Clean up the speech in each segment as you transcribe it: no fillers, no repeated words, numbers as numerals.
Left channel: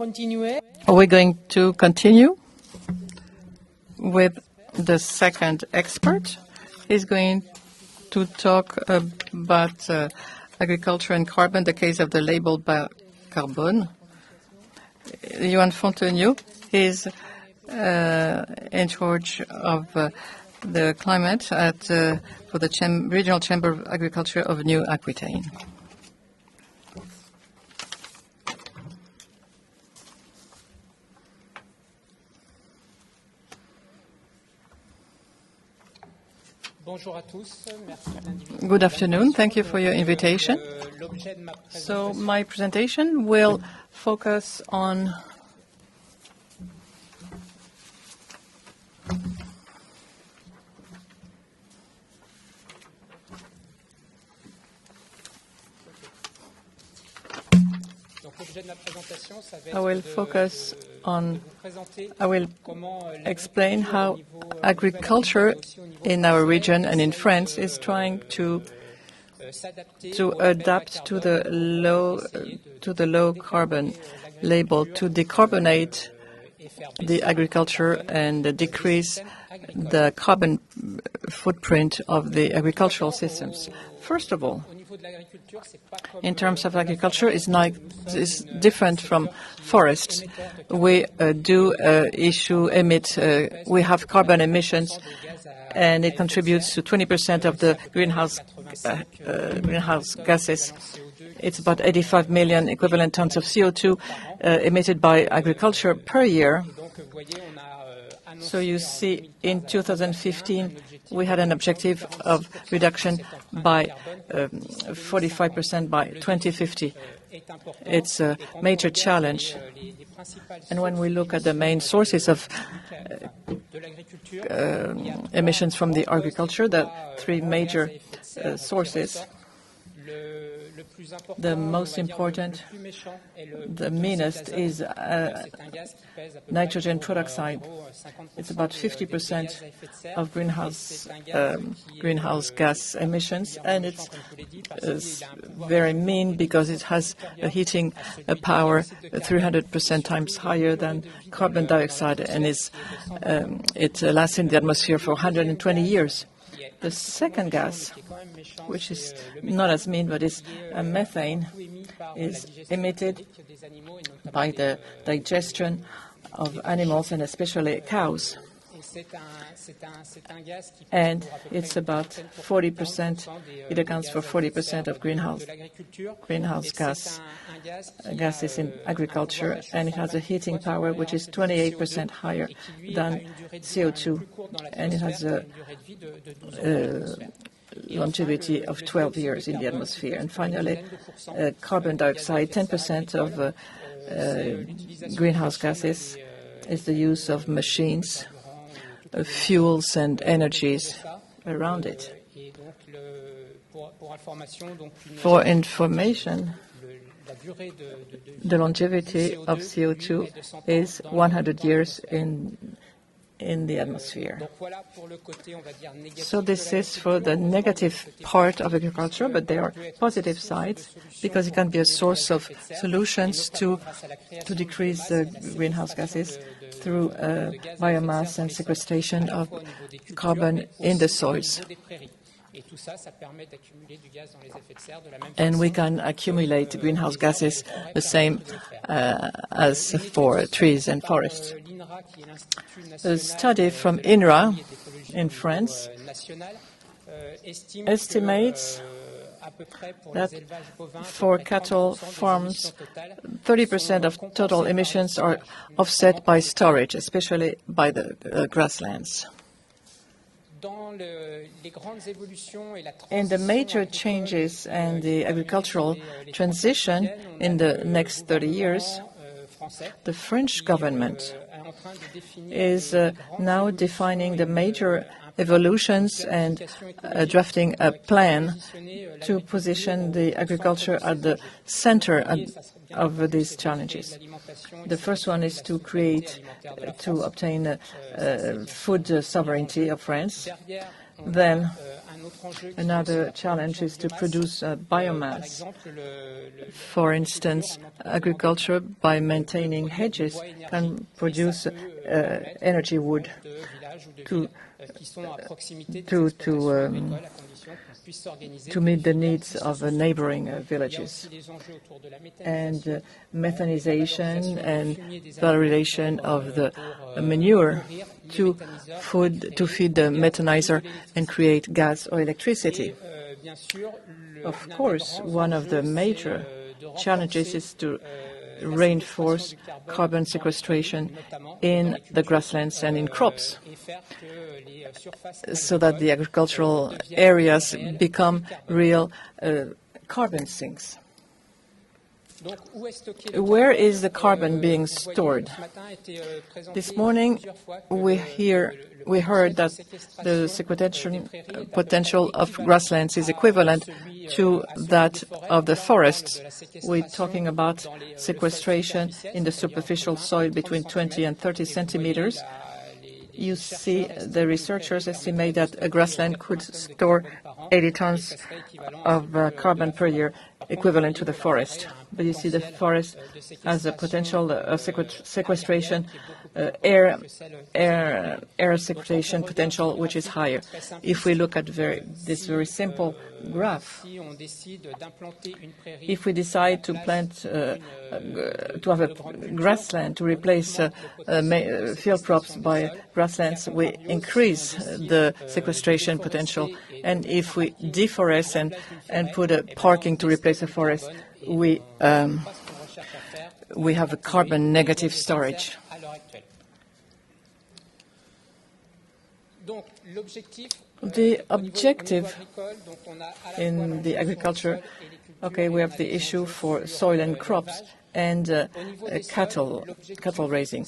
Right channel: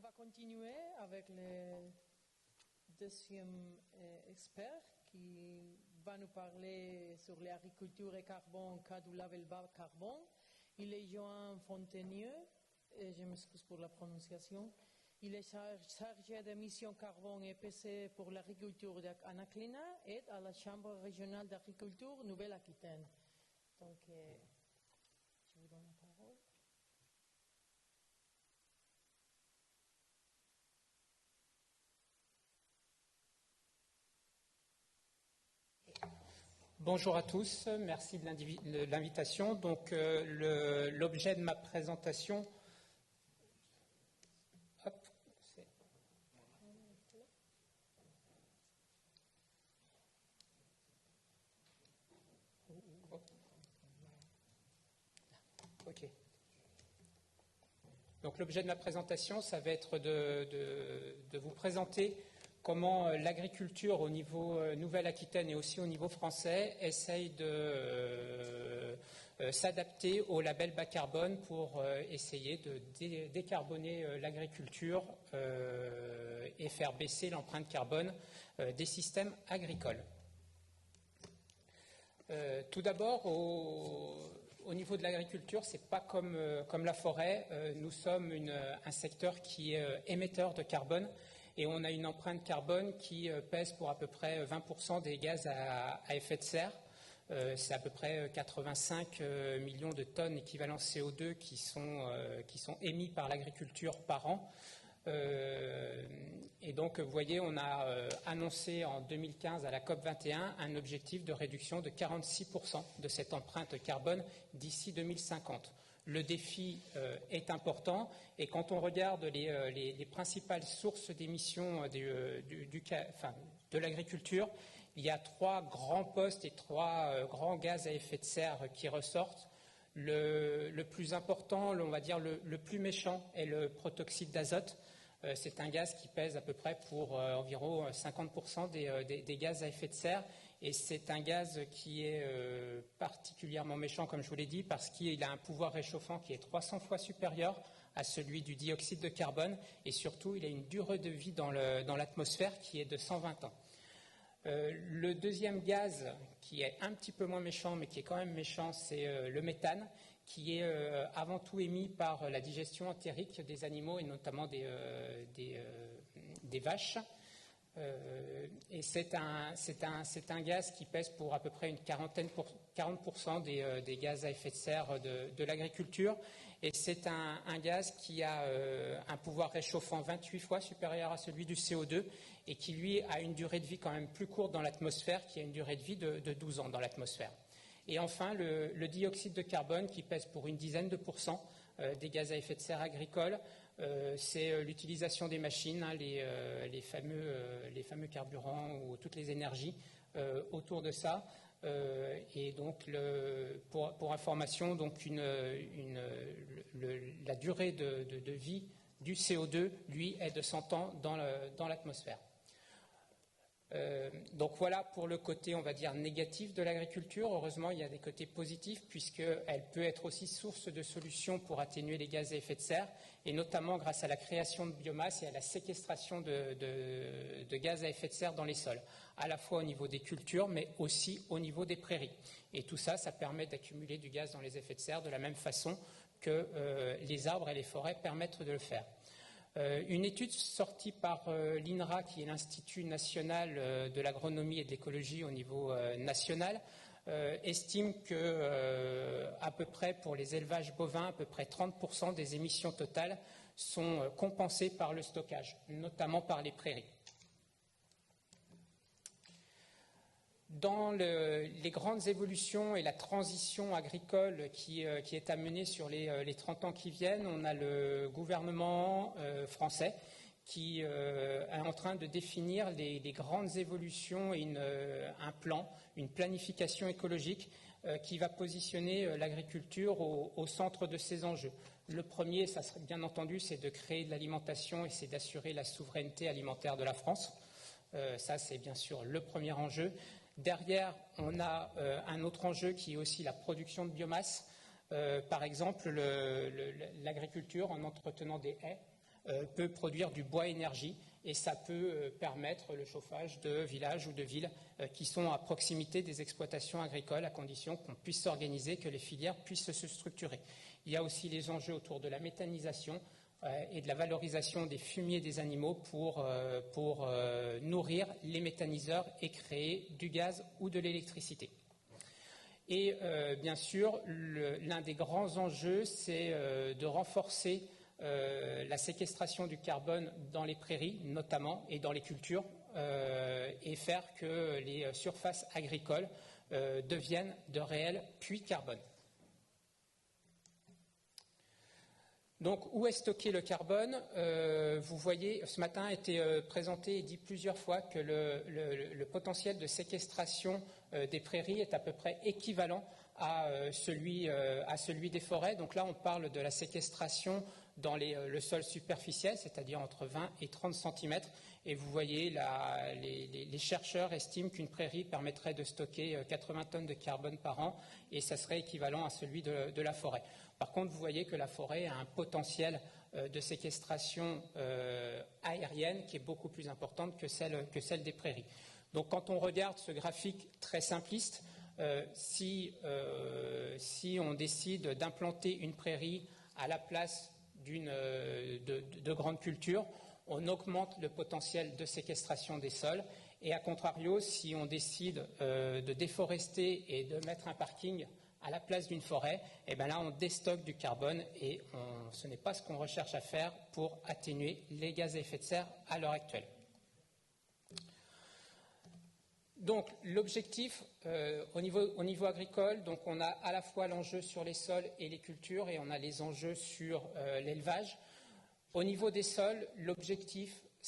We're going to continue with the second expert. He's going to talk about agriculture and carbon, the case of the Label Bas Carbone. Johan Fonteniaud is in charge of the climate for the Regional Chamber of Agriculture of New Aquitaine. Good afternoon. Thank you for your invitation. So my presentation will focus on I will explain how agriculture in our region and in France is trying to adapt to the low carbon label, to decarbonate the agriculture and decrease the carbon footprint of the agricultural systems. First of all, in terms of agriculture, it's different from forests. We we have carbon emissions, and it contributes to 20% of the greenhouse gases. It's about 85 million equivalent tons of CO2 emitted by agriculture per year. So you see, in 2015, we had an objective of reduction by 45% by 2050. It's a major challenge. And when we look at the main sources of emissions from the agriculture, the three major sources, the most important, the meanest, is nitrogen peroxide. It's about 50% of greenhouse gas emissions, and it's very mean because it has a heating power 300% times higher than carbon dioxide, and it lasts in the atmosphere for 120 years. The second gas, which is not as mean but is methane, is emitted by the digestion of animals and especially cows. And it's about 40%, it accounts for 40% of greenhouse gases in agriculture, and it has a heating power which is 28% higher than CO2, and it has a longevity of 12 years in the atmosphere. And finally, carbon dioxide, 10% of greenhouse gases, is the use of machines, fuels and energies around it. For information, the longevity of CO2 is 100 years in the atmosphere. So this is for the negative part of agriculture, but there are positive sides because it can be a source of solutions to decrease the greenhouse gases through biomass and sequestration of carbon in the soils. And we can accumulate greenhouse gases the same as for trees and forests. A study from INRA in France estimates that for cattle farms, 30% of total emissions are offset by storage, especially by the grasslands. In the major changes and the agricultural transition in the next 30 years, the French government is now defining the major evolutions and drafting a plan to position the agriculture at the center of these challenges. The first one is to obtain food sovereignty of France. Then another challenge is to produce biomass. For instance, agriculture, by maintaining hedges, can produce energy wood to meet the needs of neighboring villages. And methanization and valorization of the manure to feed the methanizer and create gas or electricity. Of course, one of the major challenges is to reinforce carbon sequestration in the grasslands and in crops, so that the agricultural areas become real carbon sinks. Where is the carbon being stored? This morning we heard that the sequestration potential of grasslands is equivalent to that of the forests. We're talking about sequestration in the superficial soil between 20 and 30 centimeters. You see the researchers estimate that a grassland could store 80 tons of carbon per year, equivalent to the forest. But you see the forest has a potential sequestration, air sequestration potential, which is higher. If we look at this very simple graph, if we decide to plant, to have a grassland to replace field crops by grasslands, we increase the sequestration potential. And if we deforest and put a parking to replace a forest, we have a carbon negative storage. The objective in the agriculture, we have the issue for soil and crops and cattle raising.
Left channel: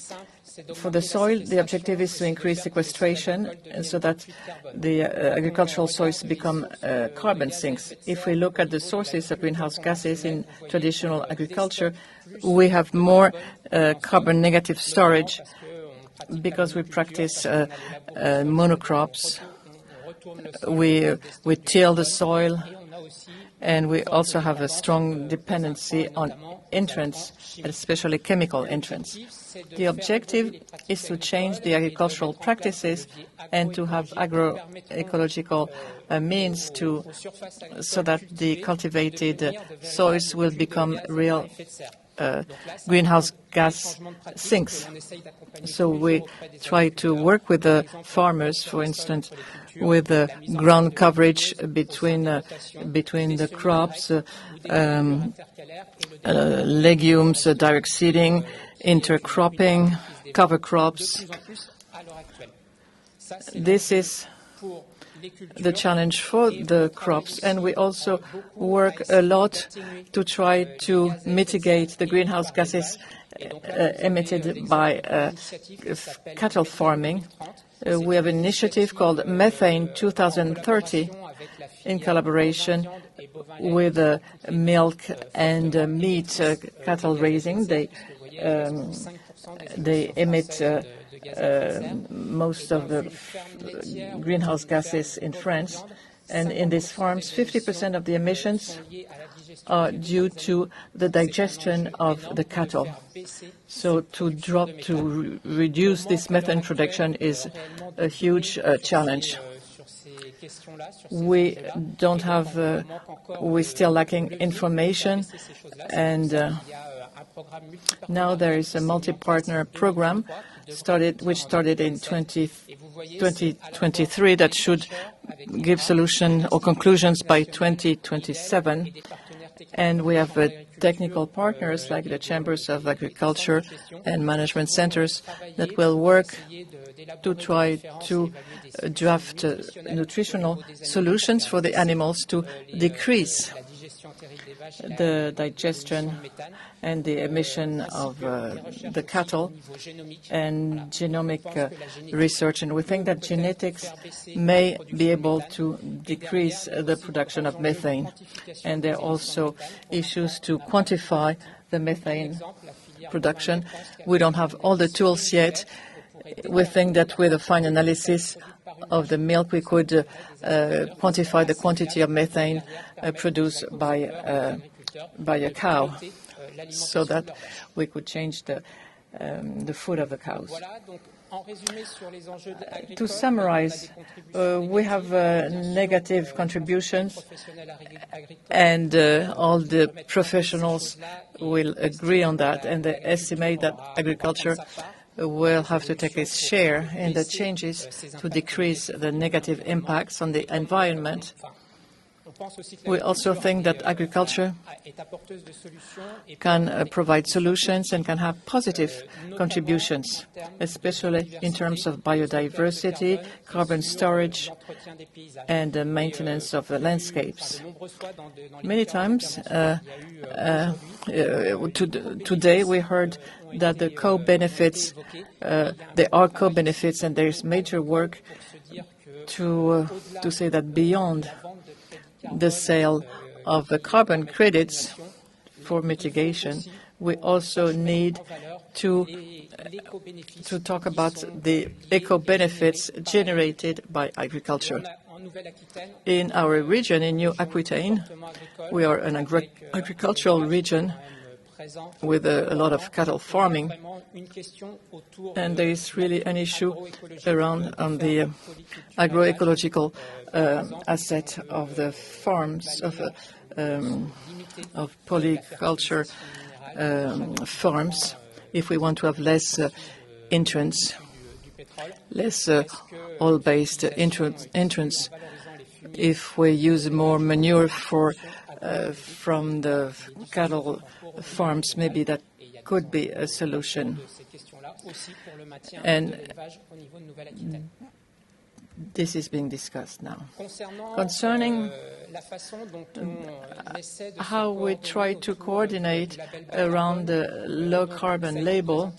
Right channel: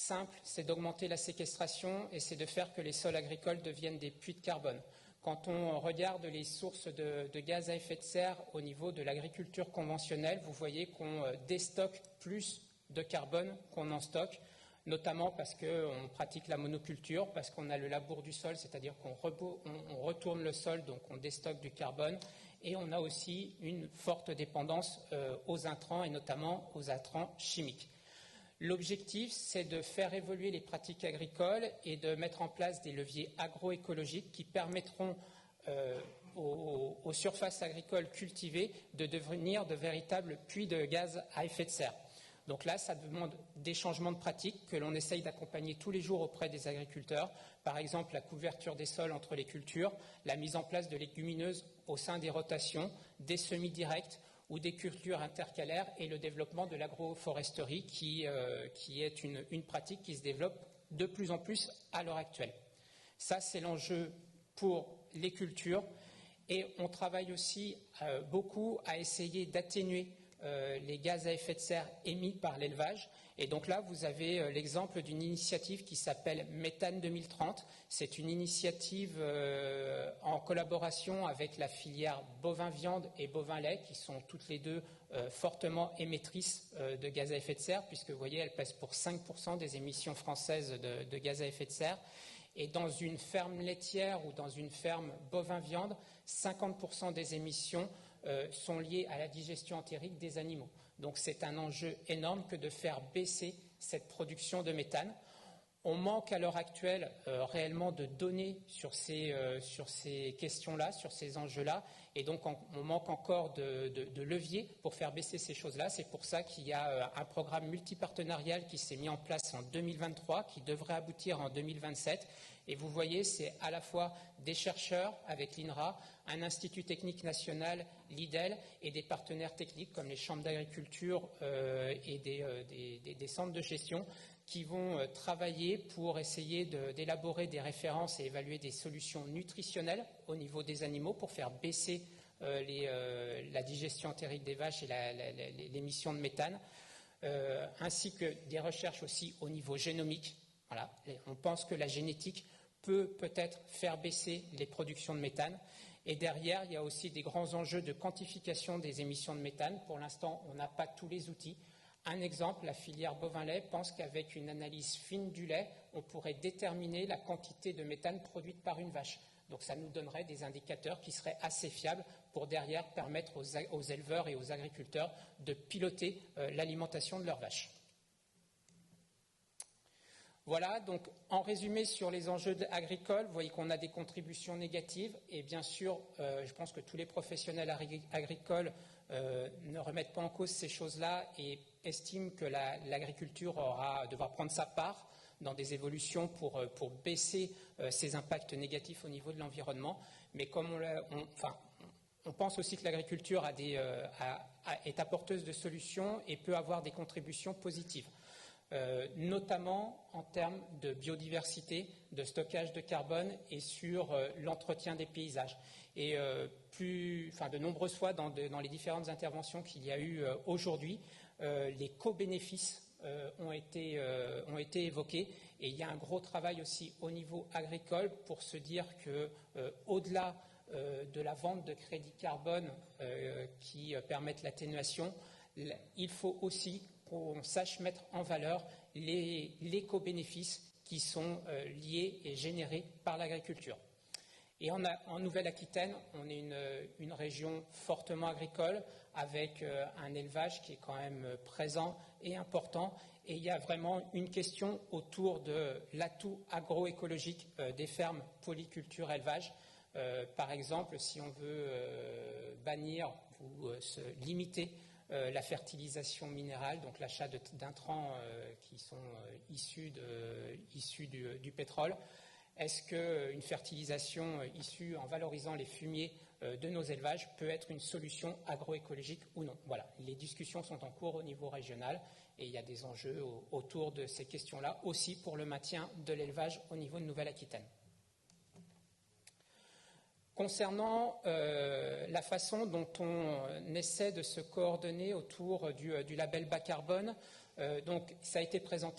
For the soil, the objective is to increase sequestration so that the agricultural soils become carbon sinks. If we look at the sources of greenhouse gases in traditional agriculture, we have more carbon negative storage because we practice monocrops. We till the soil, and we also have a strong dependency on entrants, especially chemical entrants. The objective is to change the agricultural practices and to have agroecological means so that the cultivated soils will become real greenhouse gas sinks. So we try to work with the farmers, for instance, with the ground coverage between the crops, legumes, direct seeding, intercropping, cover crops. This is the challenge for the crops, and we also work a lot to try to mitigate the greenhouse gases emitted by cattle farming. We have an initiative called Methane 2030 in collaboration with milk and meat cattle raising. They emit most of the greenhouse gases in France. And in these farms, 50% of the emissions are due to the digestion of the cattle. So to reduce this methane production is a huge challenge. We're still lacking information, and now there is a multi-partner program which started in 2023 that should give solutions or conclusions by 2027. And we have technical partners like the Chambers of Agriculture and Management Centers that will work to try to draft nutritional solutions for the animals to decrease the digestion and the emission of the cattle, and genomic research. And we think that genetics may be able to decrease the production of methane. And there are also issues to quantify the methane production. We don't have all the tools yet. We think that with a fine analysis of the milk, we could quantify the quantity of methane produced by a cow, so that we could change the food of the cows. To summarize, we have negative contributions, and all the professionals will agree on that, and they estimate that agriculture will have to take its share in the changes to decrease the negative impacts on the environment. We also think that agriculture can provide solutions and can have positive contributions, especially in terms of biodiversity, carbon storage, and the maintenance of the landscapes. Many times today we heard that the co-benefits, there are co-benefits, and there is major work to say that beyond the sale of the carbon credits for mitigation, we also need to talk about the eco-benefits generated by agriculture. In our region, in New Aquitaine, we are an agricultural region with a lot of cattle farming, and there is really an issue around on the agroecological asset of the farms, of polyculture farms, if we want to have less entrance, less oil-based entrance. If we use more manure from the cattle farms, maybe that could be a solution. And this is being discussed now. Concerning how we try to coordinate around the low-carbon label,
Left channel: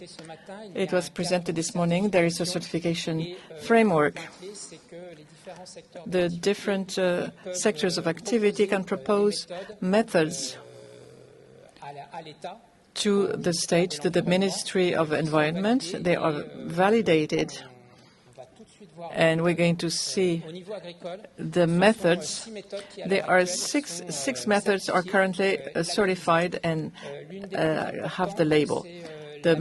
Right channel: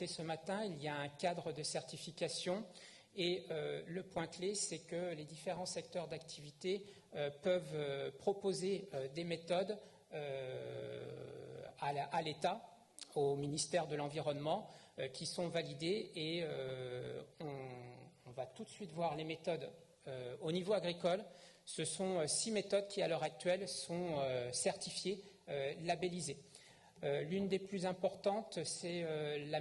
it was presented this morning. There is a certification framework. The different sectors of activity can propose methods to the state, to the Ministry of Environment. They are validated, and we're going to see the methods. There are six methods are currently certified and have the label. The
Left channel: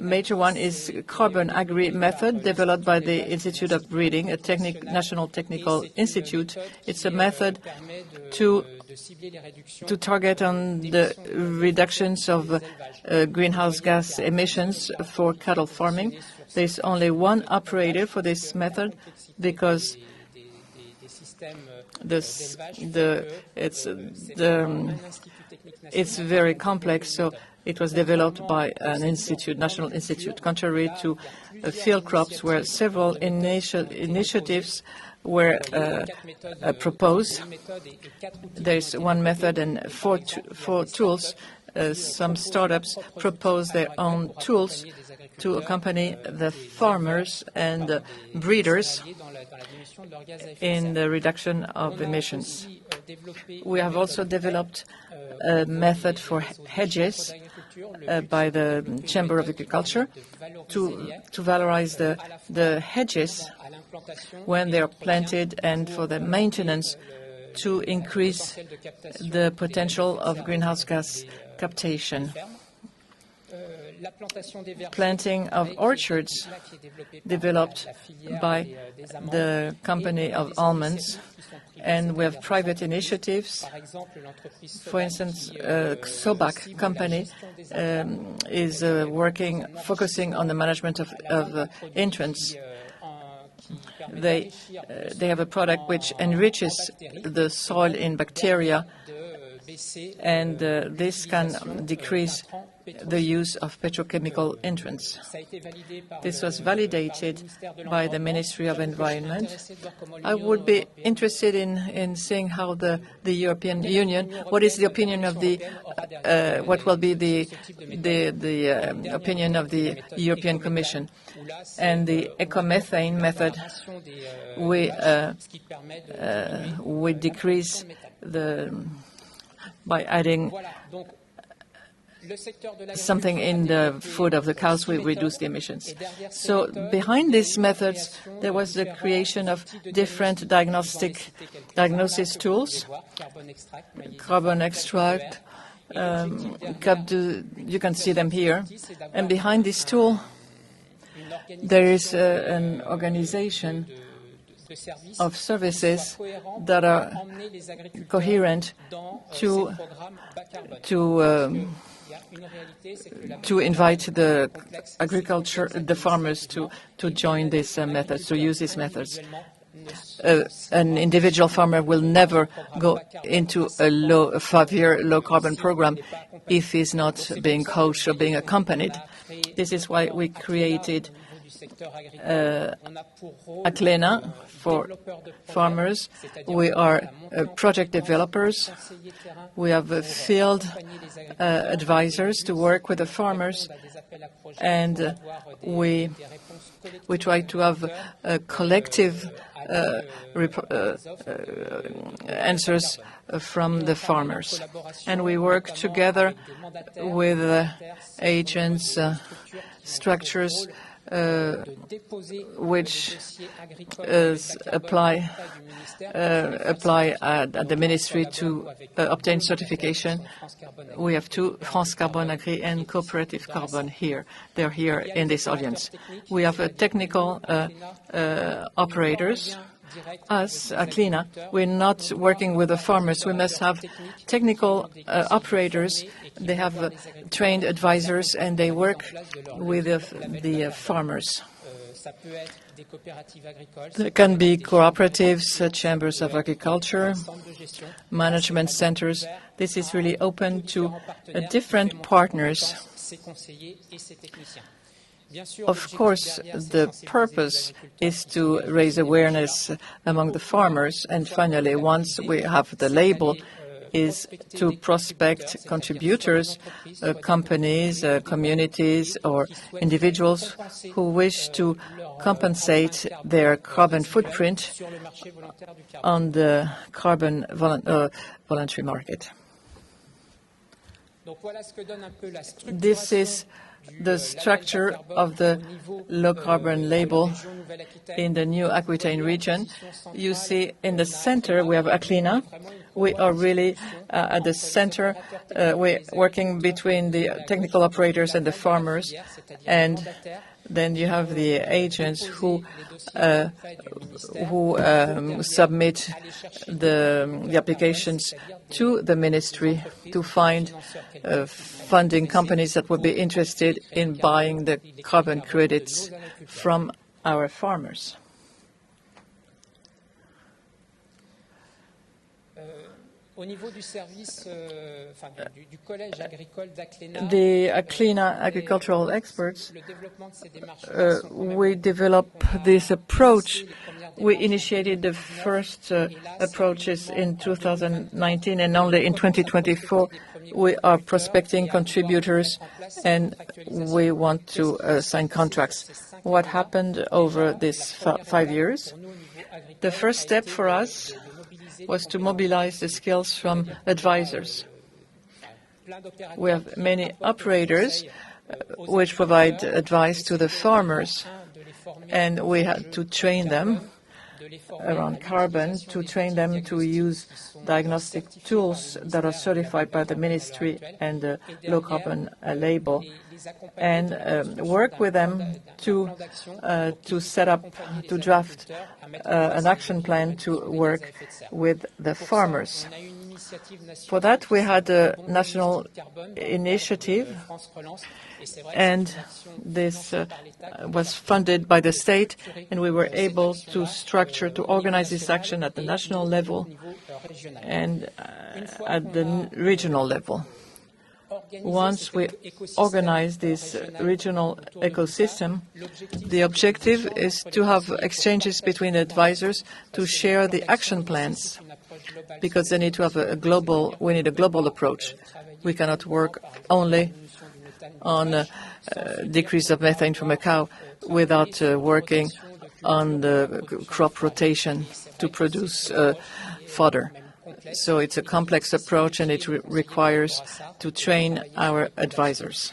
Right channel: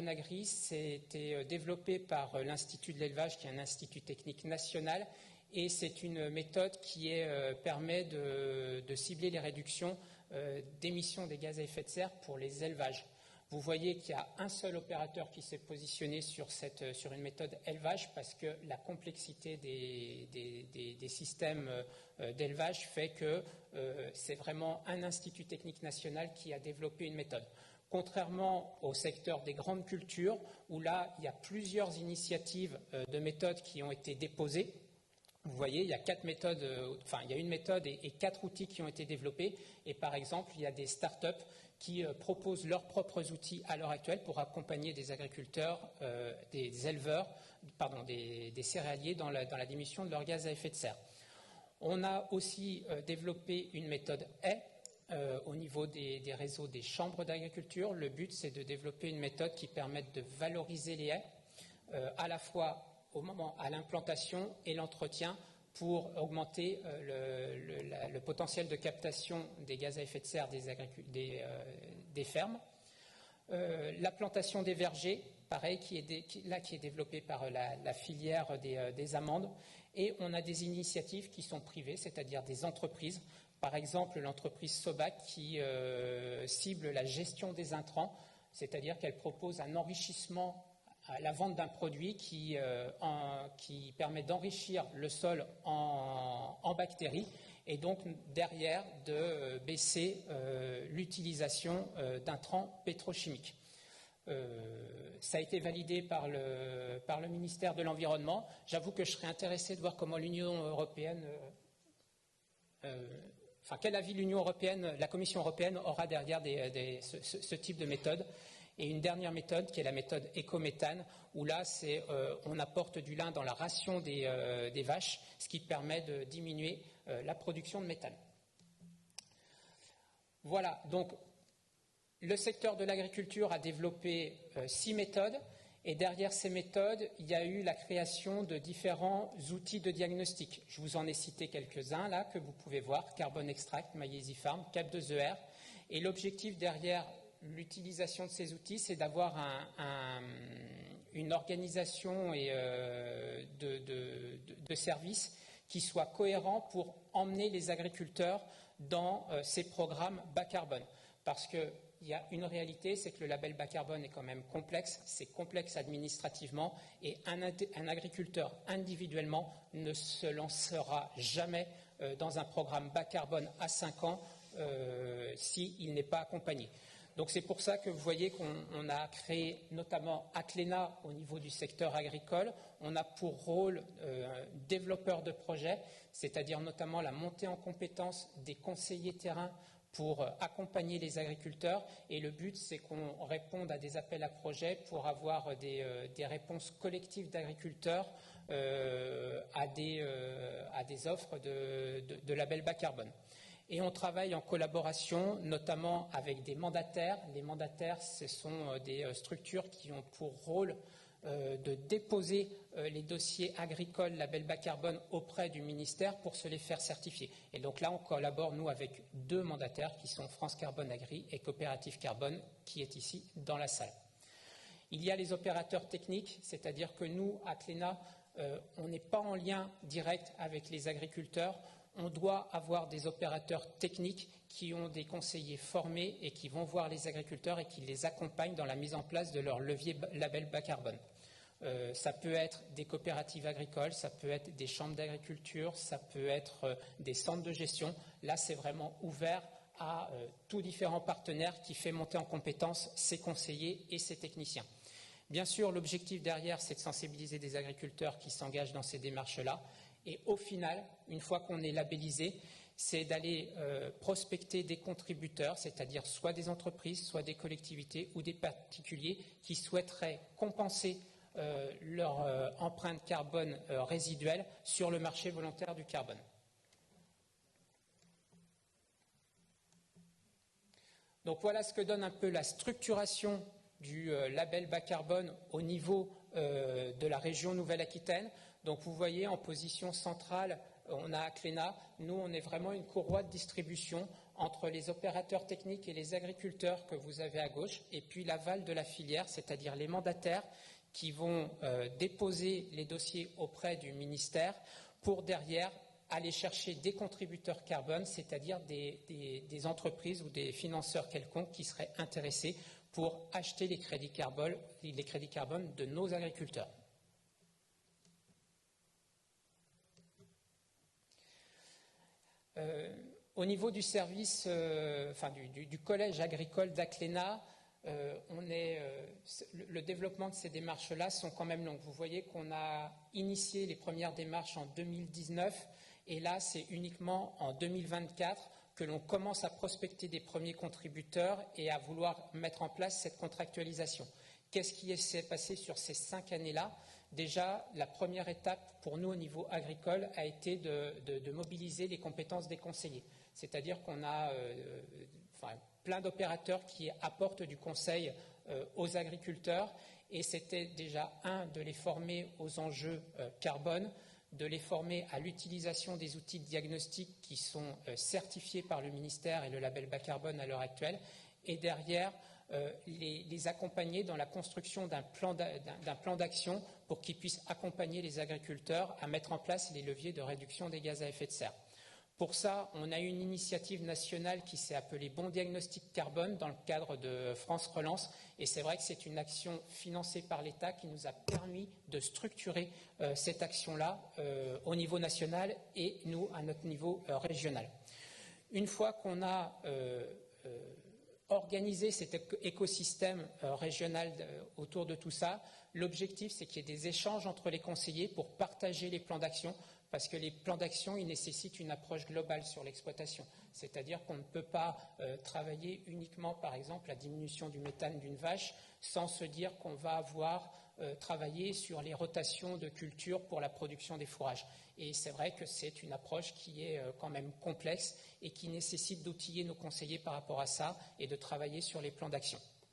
major one is Carbon Agri method, developed by the Institute of Breeding, a national technical institute. It's a method to target on the reductions of greenhouse gas emissions for cattle farming. There's only one operator for this method because it's very complex, so it was developed by an institute, national institute, contrary to field crops where several initiatives were proposed. There's one method and four tools. Some startups propose their own tools to accompany the farmers and breeders in the reduction of emissions. We have also developed a method for hedges by the Chamber of Agriculture to valorize the hedges when they are planted and for the maintenance to increase the potential of greenhouse gas captation. Planting of orchards developed by the company of almonds, and we have private initiatives. For instance, Sobac company is focusing on the management of entrance. They have a product which enriches the soil in bacteria, and this can decrease the use of petrochemical entrants. This was validated by the Ministry of Environment. I would be interested in seeing how the European Union, what is the opinion of what will be the opinion of the European Commission. And the ecomethane method, we decrease by adding something in the food of the cows will reduce the emissions. So behind these methods, there was the creation of different diagnosis tools, carbon extract, you can see them here. And behind this tool, there is an organization of services that are coherent to invite the farmers to join these methods, to use these methods. An individual farmer will never go into a 5-year low-carbon program if he's not being coached or being accompanied. This is why we created Acclena for farmers. We are project developers. We have field advisors to work with the farmers, and we try to have a collective answers from the farmers. And we work together with agents, structures, which apply at the ministry to obtain certification. We have two, France Carbone Agri and Cooperative Carbone here. They're here in this audience. We have technical operators. Us, Acclena, we're not working with the farmers. We must have technical operators. They have trained advisors, and they work with the farmers. There can be cooperatives, chambers of agriculture, management centers. This is really open to different partners. Of course, the purpose is to raise awareness among the farmers, and finally, once we have the label, is to prospect contributors, companies, communities, or individuals who wish to compensate their carbon footprint on the carbon voluntary market. This is the structure of the low-carbon label in the new Aquitaine region. You see in the center we have Acclena. We are really at the center. We're working between the technical operators and the farmers, and then you have the agents who submit the applications to the ministry to find funding companies that would be interested in buying the carbon credits from our farmers. The Acclena agricultural experts, we developed this approach. We initiated the first approaches in 2019, and only in 2024 we are prospecting contributors, and we want to sign contracts. What happened over these 5 years? The first step for us was to mobilize the skills from advisors. We have many operators which provide advice to the farmers, and we had to train them around carbon, to train them to use diagnostic tools that are certified by the ministry and the low carbon label, and work with them to set up, to draft an action plan to work with the farmers. For that, we had a national initiative, and this was funded by the state, and we were able to to organize this action at the national level and at the regional level. Once we organize this regional ecosystem, the objective is to have exchanges between advisors to share the action plans, because they need to have we need a global approach. We cannot work only on decrease of methane from a cow without working on the crop rotation to produce fodder. So it's a complex approach, and it requires to train train our advisors.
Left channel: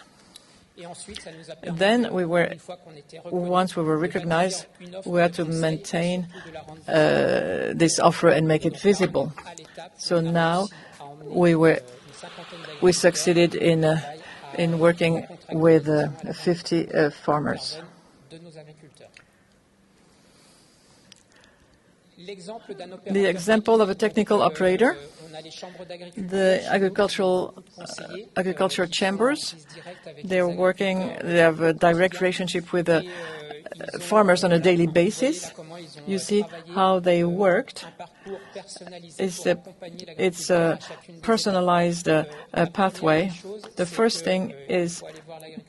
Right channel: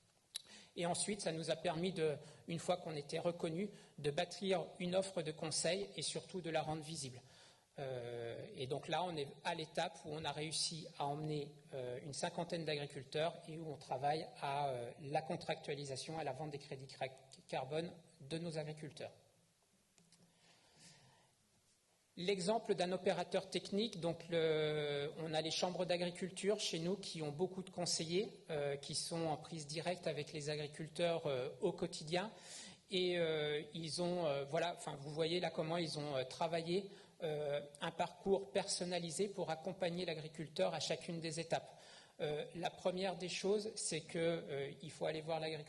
Then, once we were recognized, we had to maintain this offer and make it visible. So now we succeeded in working with 50 farmers. The example of a technical operator, the agricultural chambers, they have a direct relationship with the farmers on a daily basis. You see how they worked. It's a personalized pathway. The first thing is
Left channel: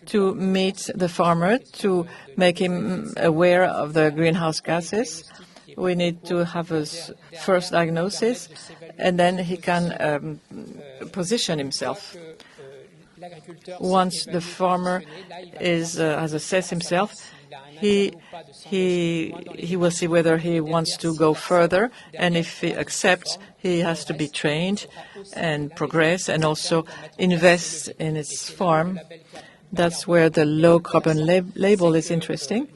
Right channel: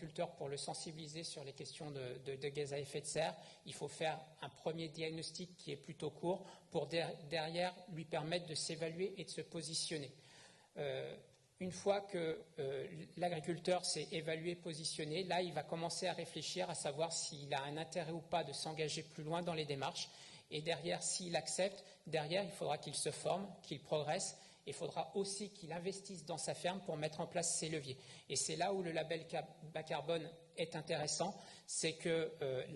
to meet the farmer, to make him aware of the greenhouse gases. We need to have a first diagnosis, and then he can position himself. Once the farmer has assessed himself, he will see whether he wants to go further, and if he accepts, he has to be trained and progress and also invest in his farm. That's where the low-carbon label is interesting,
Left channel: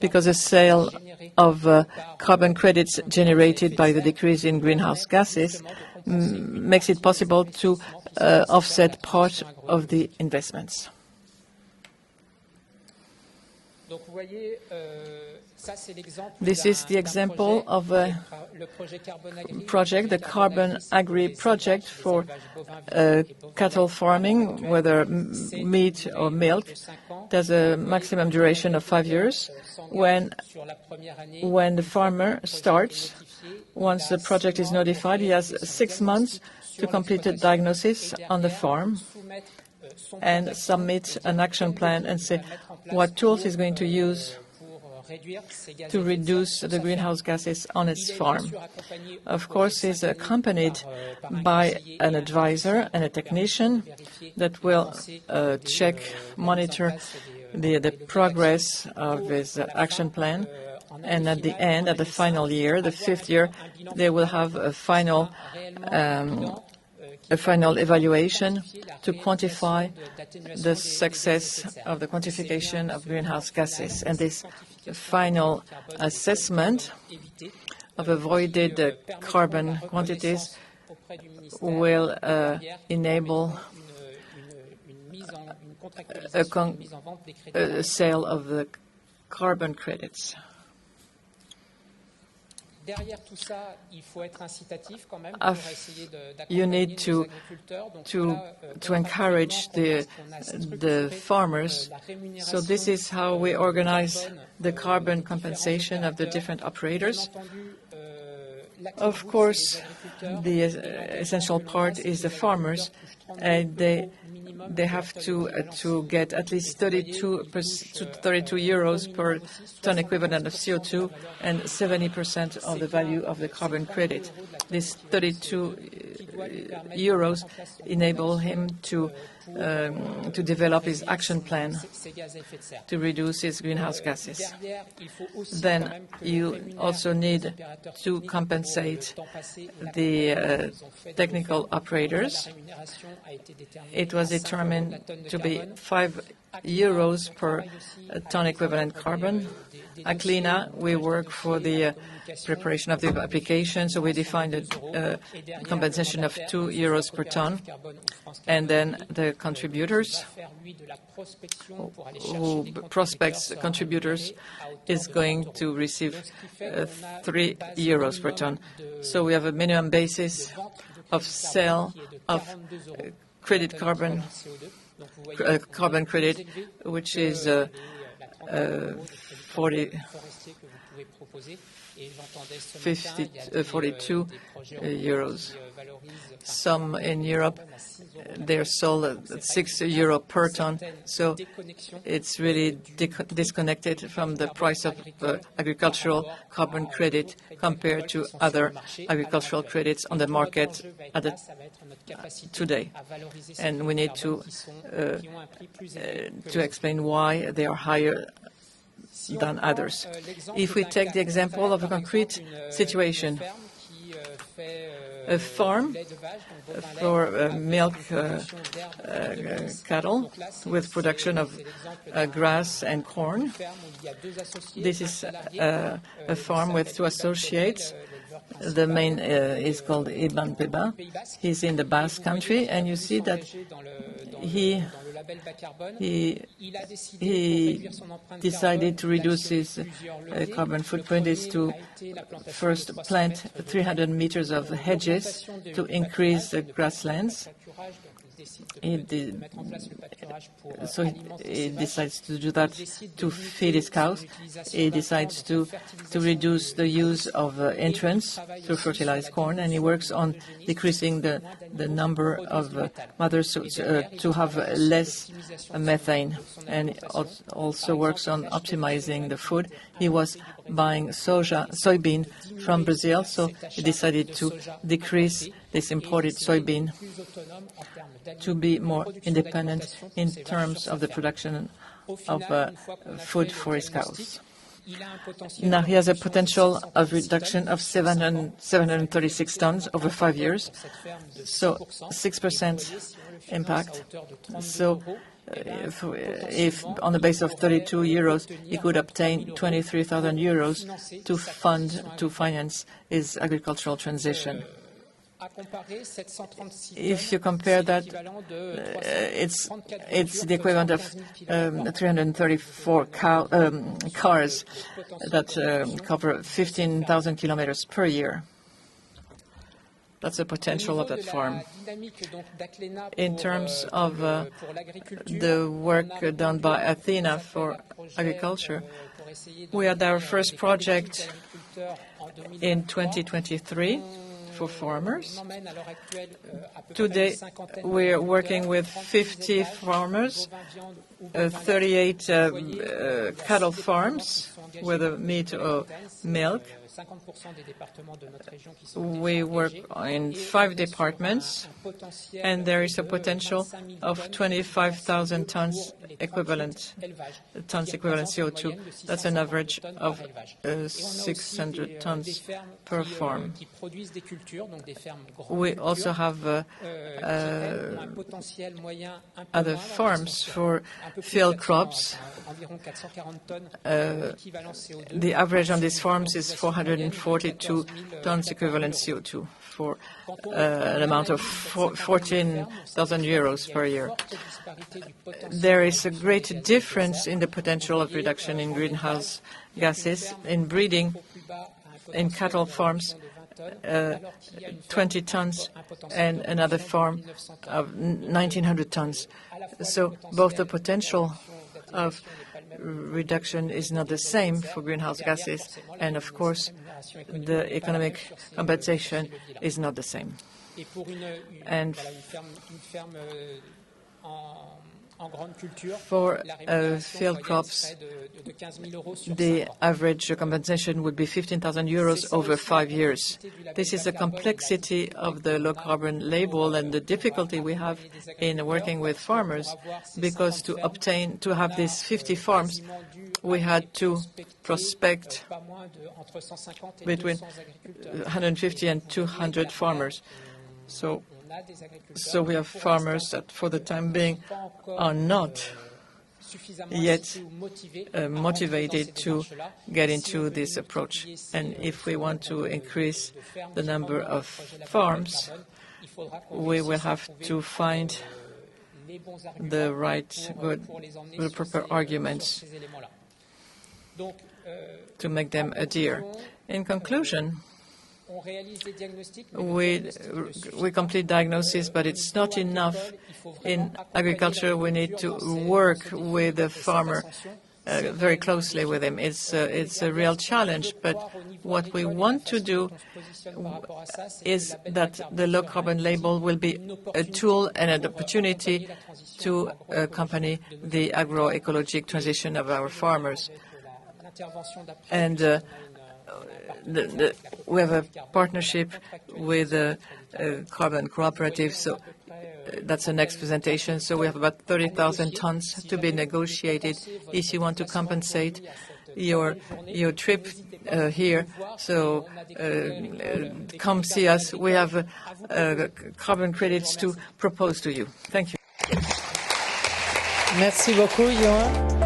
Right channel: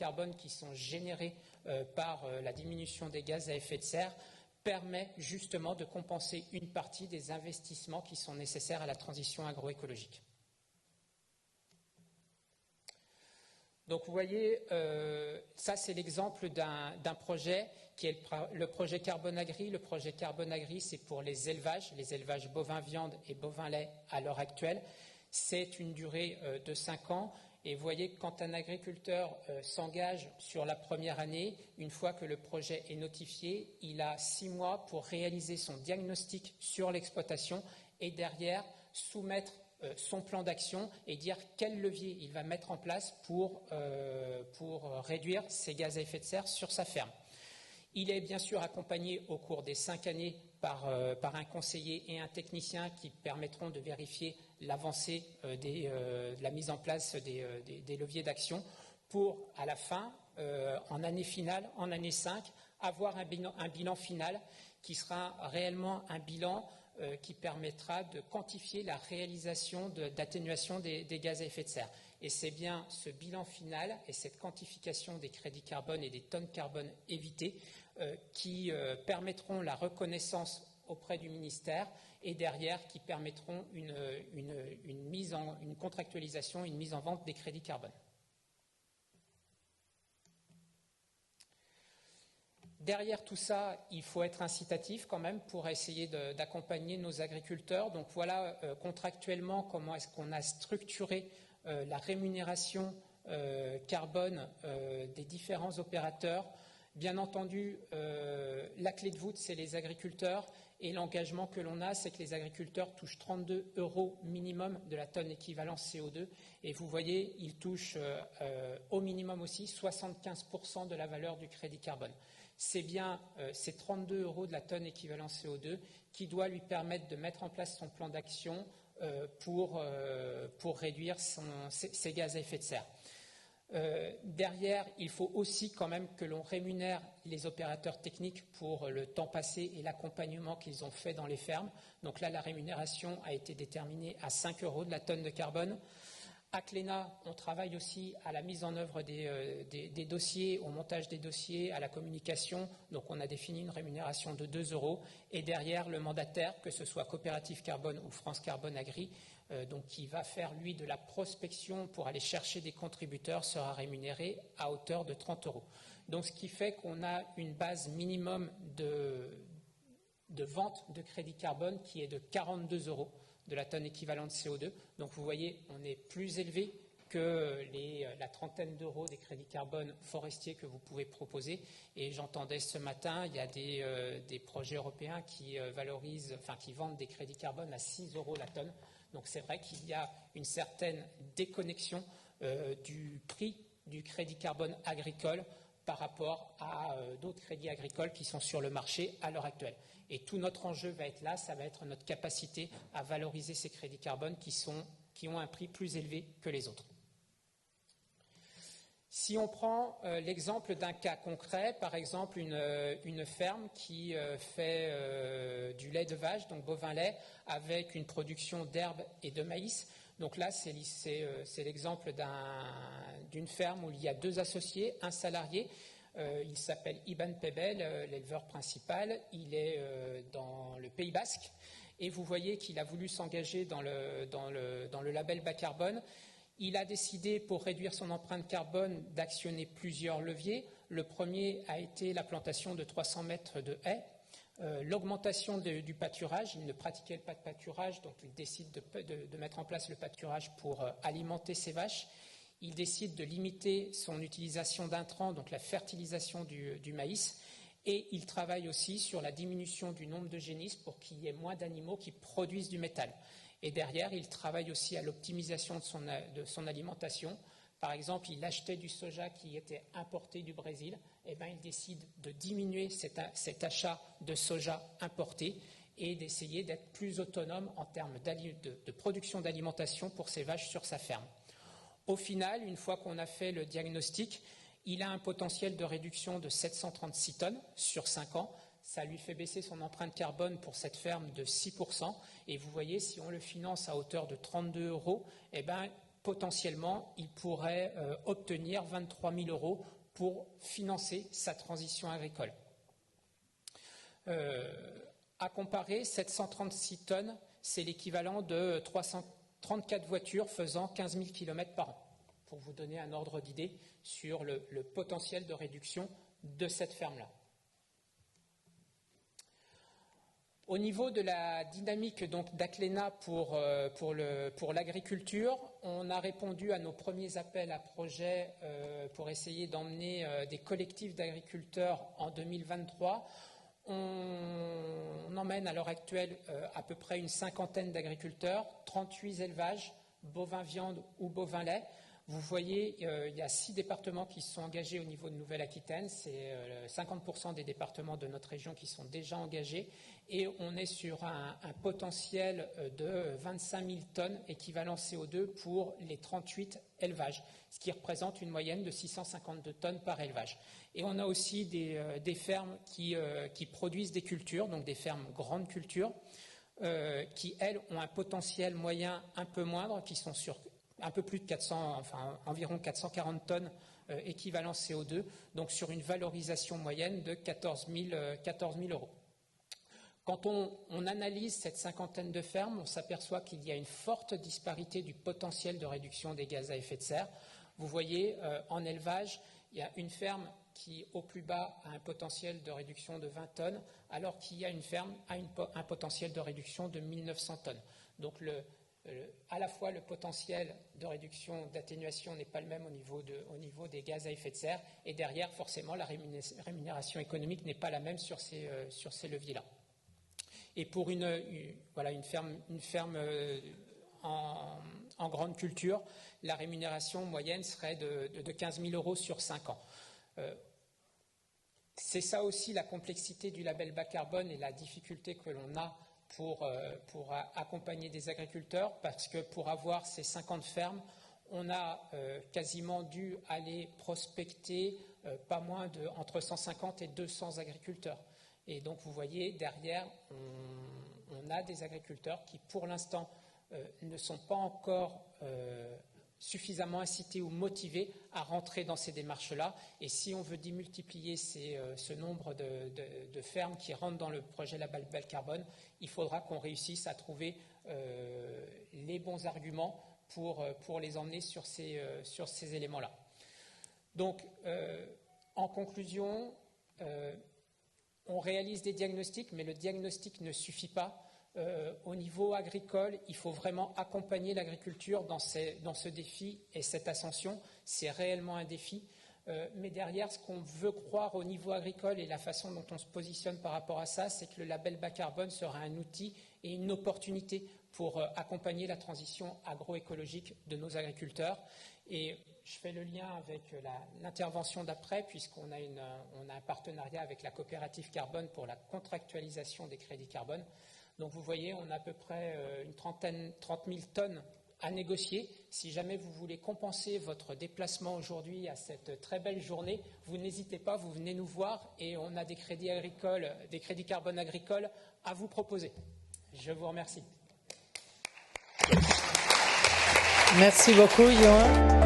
because the sale of carbon credits generated by the decrease in greenhouse gases makes it possible to offset part of the investments. This is the example of a project, the Carbon Agri project for cattle farming, whether meat or milk. There's a maximum duration of 5 years. When the farmer starts, once the project is notified, he has 6 months to complete a diagnosis on the farm and submit an action plan and say what tools he's going to use to reduce the greenhouse gases on its farm. Of course, he's accompanied by an advisor and a technician that will monitor the progress of his action plan. And at the end, at the final year, the 5th year, they will have a final evaluation to quantify the success of the quantification of greenhouse gases. And this final assessment of avoided carbon quantities will enable a sale of the carbon credits. You need to encourage the farmers. So this is how we organize the carbon compensation of the different operators. Of course, the essential part is the farmers. They have to get at least 32 euros per ton equivalent of CO2 and 70% of the value of the carbon credit. These 32 euros enable him to develop his action plan to reduce his greenhouse gases. Then you also need to compensate the technical operators. It was determined to be 5 euros per ton equivalent carbon. Acclena, we work for the preparation of the application, so we defined a compensation of 2 euros per ton. And then the contributors, who prospects contributors, is going to receive 3 euros per ton. So we have a minimum basis of sale of carbon credit, which is 42 euros. Some in Europe, they're sold at 6 euro per ton, so it's really disconnected from the price of agricultural carbon credit compared to other agricultural credits on the market today. And we need to explain why they are higher than others. If we take the example of a concrete situation, a farm for milk cattle with production of grass and corn. This is a farm with two associates. The main is called Ibn Beba. He's in the Basque country, and you see that he decided to reduce his carbon footprint is to first plant 300 meters of hedges to increase the grasslands. So he decides to do that to feed his cows. He decides to reduce the use of entrants to fertilize corn, and he works on decreasing the number of mothers to have less methane, and also works on optimizing the food. He was buying soybean from Brazil, so he decided to decrease this imported soybean to be more independent in terms of the production of food for his cows. Now he has a potential of reduction of 736 tons over 5 years, so 6% impact. So if on the base of 32 euros, he could obtain 23,000 euros to finance his agricultural transition. If you compare that, it's the equivalent of 334 cars that cover 15,000 kilometers per year. That's the potential of that farm. In terms of the work done by Acclena for agriculture, we had our first project in 2023 for farmers. Today, we're working with 50 farmers, 38 cattle farms with meat or milk. We work in 5 departments, and there is a potential of 25,000 tons equivalent CO2. That's an average of 600 tons per farm. We also have other farms for field crops. The average on these farms is 442 tons equivalent CO2 for an amount of 14,000 euros per year. There is a great difference in the potential of reduction in greenhouse gases in breeding. In cattle farms, 20 tons, and another farm of 1,900 tons. So both the potential of reduction is not the same for greenhouse gases, and of course the economic compensation is not the same. And for field crops, the average compensation would be 15,000 euros over 5 years. This is the complexity of the low-carbon label and the difficulty we have in working with farmers, because to have these 50 farms, we had to prospect between 150 and 200 farmers. So we have farmers that, for the time being, are not yet motivated to get into this approach. And if we want to increase the number of farms, we will have to find the proper arguments to make them adhere. In conclusion, we complete diagnosis, but it's not enough. In agriculture, we need to work with the farmer very closely with him. It's a real challenge, but what we want to do is that the low-carbon label will be a tool and an opportunity to accompany the agroecologic transition of our farmers. And we have a partnership with a carbon cooperative, so that's the next presentation. So we have about 30,000 tons to be negotiated if you want to compensate your trip here. So come see us. We have carbon credits to propose to you. Thank you. Merci beaucoup, Johan.